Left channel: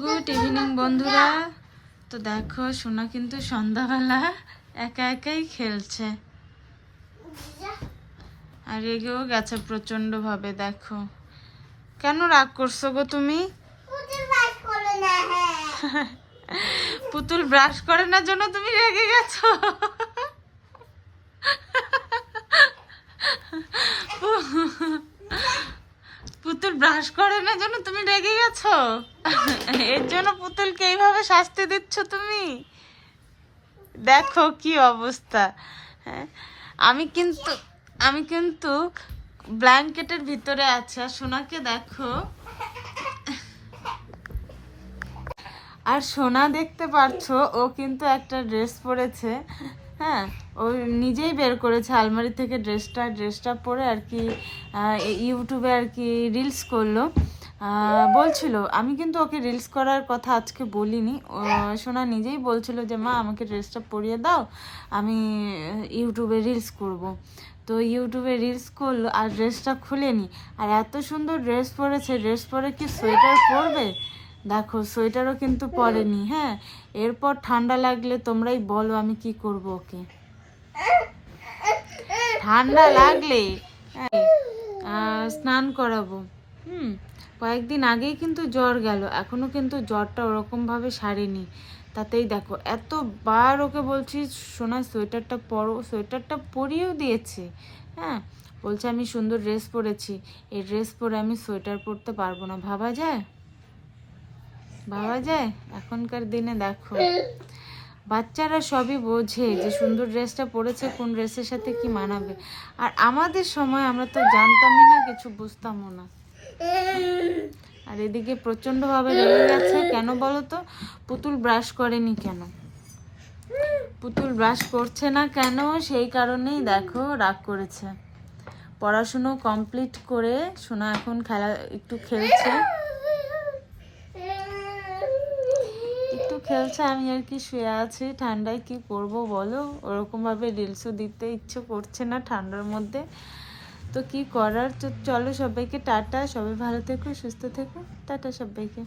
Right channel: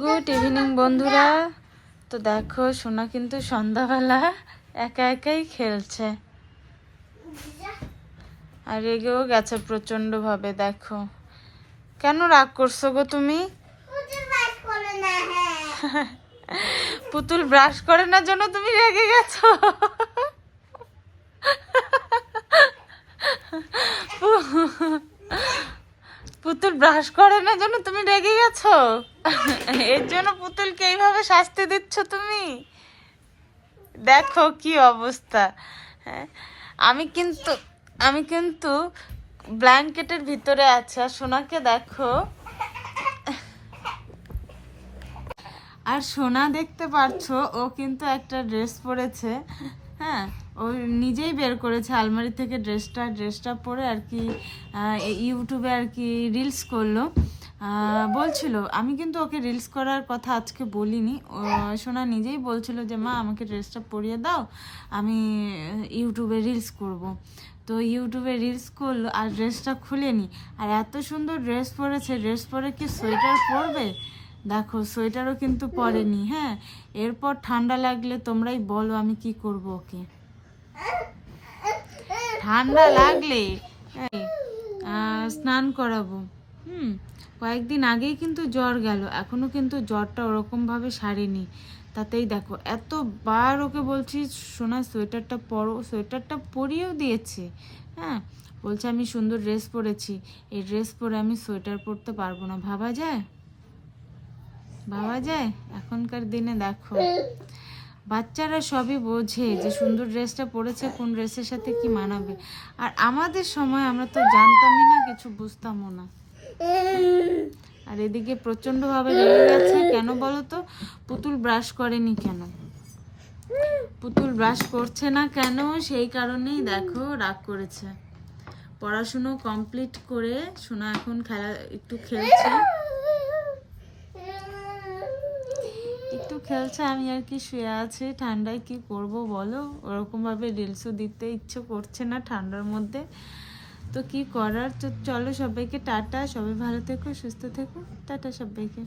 Good evening বন্ধুরা। তো দেখো সোনা কিন্তু সন্ধ্যাবেলা একা একাই খেলছে। আর রেগেও গেছে প্রচণ্ড ভাবে দেখো। কেন রাগ করছ গো তুমি? পুতুল ব্রাশ করে না জন্য তুমি রেগে গেছো? ব্রাশ করে না জন্য তুমি রেগে গেছো? এর জন্য পুতুলকে এইভাবে শাস্তি দিচ্ছ তুমি? দেখো কি অবস্থা। হ্যাঁ আমি কিন্তু আমি কিন্তু ব্ল্যাঙ্কেটের ভিতরে আছে। আর সোনাকে দেখো। আর সোনা দেখতে পারছ, ও কিন্তু একটা ড্রেস পরেছে। হ্যাঁ ও নিজেই বের করেছে, আলমারি থেকে ড্রেসটা ড্রেসটা পরে আর কি ইউটিউবে আর কি রিলস করল। বলছিল আমি কিন্তু ওকে রিলস করার কথা আজকে বলিনি। সোনা নিজেই বলছিল যে মা আমাকে ড্রেসটা পরিয়ে দাও আমি ইউটিউবে রিলস করব। তো ইউটিউবে রিলস করল আর ড্রেসটা খুলেনি। আর এত সুন্দর ড্রেস পরেছে ড্রেস পরে কি সোয়েটার পরবে? দেখো সোয়েটারও কিন্তু পরেনি হ্যাঁ? এরপর ঠান্ডা লাগলে তোমরাই বলো আমি কি করব ওকে। ঠান্ডা লাগলে হ্যাঁ, স্নান করাবো। হুম, কয়েকদিন আগেই কিন্তু জ্বর গেল। এখনও কিন্তু জ্বরটা ওরকমভাবে সারেনি। তাতেই দেখো, এতবার ওকে বলছি, সোনা, সোয়েটারটা পরো, সোয়েটারটা পরিয়েও দিয়েছে। হ্যাঁ বলছে, আমি সুন্দর ড্রেস পরেছি। এই ড্রেস পরে আমি সোয়েটার পরতে পারব না। ভাবা যায়? ভাবা যায়? এখনকার দিনে দেখো। বাচ্চারা সবই বোঝে যে সুন্দর ড্রেসটা পরেছে, কোন ড্রেসের সাথে কি মানাবে। আর আমাদের সময় আমরা তো জানতামই না, কিছু বুঝতামও না। আর এদিকে প্রচণ্ড ভাবে রেগে যাচ্ছে, কেন বলো তো? পুতুল ব্রাশ করেনি কেন? পুতুল ব্রাশ করছে না কেন? সেই কারণেই দেখো, রাগ করেছে। পড়াশুনো কমপ্লিট করে সোনা এখন খেলা, একটু খেলছে। খেলছে, আমি আর কি শুয়ে আছি। ঠান্ডায় কি করব বলো? ওরকমভাবে রিলসও দিতে ইচ্ছে করছে না ঠান্ডার মধ্যে। তো কি করার? চলো সবাইকে টাটা। সবাই ভালো থেকো, সুস্থ থেকো। টাটা সবাইকে।